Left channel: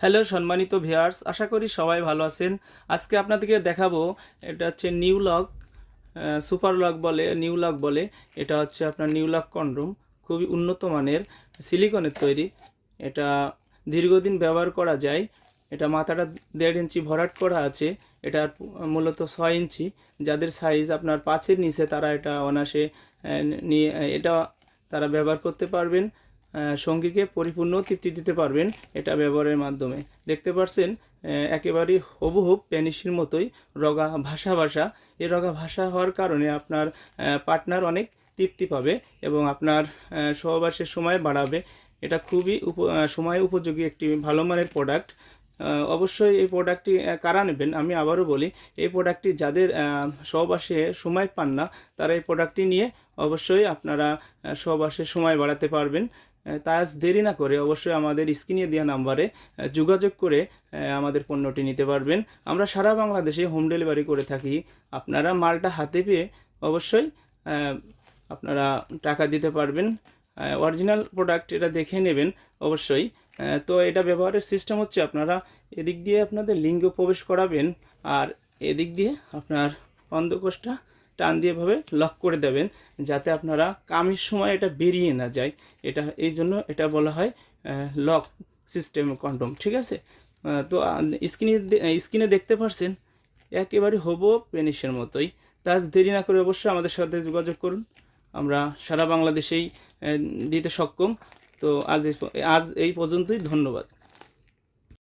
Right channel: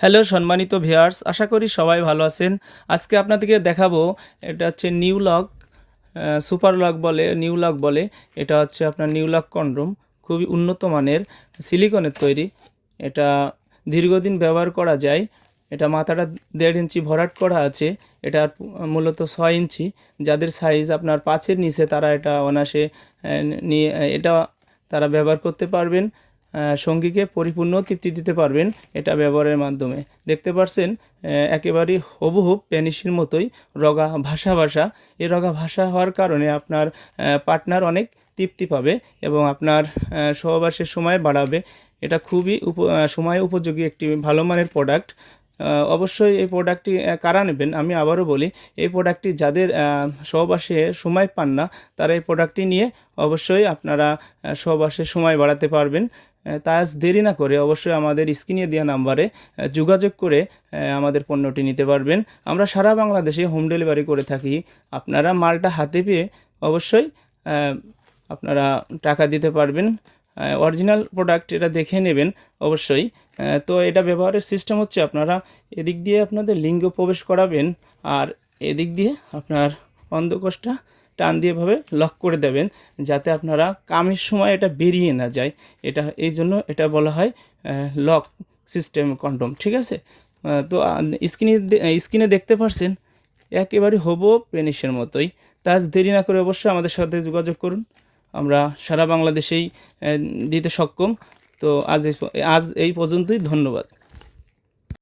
Hello সম্মানিত viewers, আশা করি সবাই ভালো আছেন। আজকে আপনাদেরকে দেখাবো, এটা হচ্ছে নিউ লক, সুপার লক বলে, নিউ লক বলে। এটা হচ্ছে আপনার নিউ লক কন্ডম, খুবই উন্নত মানের সিলিকনের তৈরি। এটা দীর্ঘদিন ব্যবহার করা যায়। এটা মাথাটা 1.5 ইঞ্চি ভরাট করা আছে। এটা মূলত 6 ইঞ্চি। যাদের সাইজ আপনার 5-এর নিচে তারা এটা অনায়াসে নিয়ে এটা তারা ব্যবহার করতে পারবেন। সঙ্গীকে পরিপূর্ণ তৃপ্তি দিতে পারবেন এটা ব্যবহারের মাধ্যমে। দেখতে পাচ্ছেন একেবারেই হুবহু পেনিসির মতোই রগা ভাসা ভাসা। এই রগা ভাসা হওয়ার কারণে আপনার পার্টনার অনেক তৃপ্তি পাবে এবং আপনার সহবাসের সময় বাড়াবে। এটা খুবই সময় উপযোগী একটি ভালো মানের প্রোডাক্ট। অবশ্যই এই প্রোডাক্টটি কারা নেবেন আমি আবারও বলি, এই প্রোডাক্টটি যাদের সহবাসে সময় পান না তারা এই প্রোডাক্টটি নিয়ে অবশ্যই আপনারা সহবাসের সময় বাড়াতে পারবেন। তাই আজ দেরি না করে অবশ্যই আমাদের স্ক্রিনে দেওয়া নাম্বারে যোগাযোগ করে আমাদের পণ্যটি নিতে পারবেন। আমরা সারা বাংলাদেশে হোম ডেলিভারি করে থাকি। আপনারা মালটা হাতে পেয়ে অবশ্যই আপনারা টাকা দিতে পারবেন। অরিজিনাল প্রোডাক্ট এটা দেখে নেবেন অবশ্যই। তো এটা ব্যবহারের সিস্টেম হচ্ছে, আপনারা এদিক দিয়ে আপনাদের লিঙ্গ প্রবেশ করাবেন আর এদিক দিয়ে আপনার অন্ধকোষটা টান দিয়ে ভাবে লক করে দেবেন, যাতে আপনারা কামের সময় এটা বেরিয়ে না যায়। এটা এই জন্য এটা বলা হয় লক সিস্টেম কন্ডম, ঠিক আছে? তো স্ক্রিনে দেখতে পাচ্ছেন একেবারে হবো পেনিসের মতোই। তা আজ দেরি না করে অবশ্যই আমাদের সাথে যোগাযোগ করুন। আমরা সারা বাংলাদেশেই দিতে সক্ষম। তো আজ এই পর্যন্তই, ধন্যবাদ।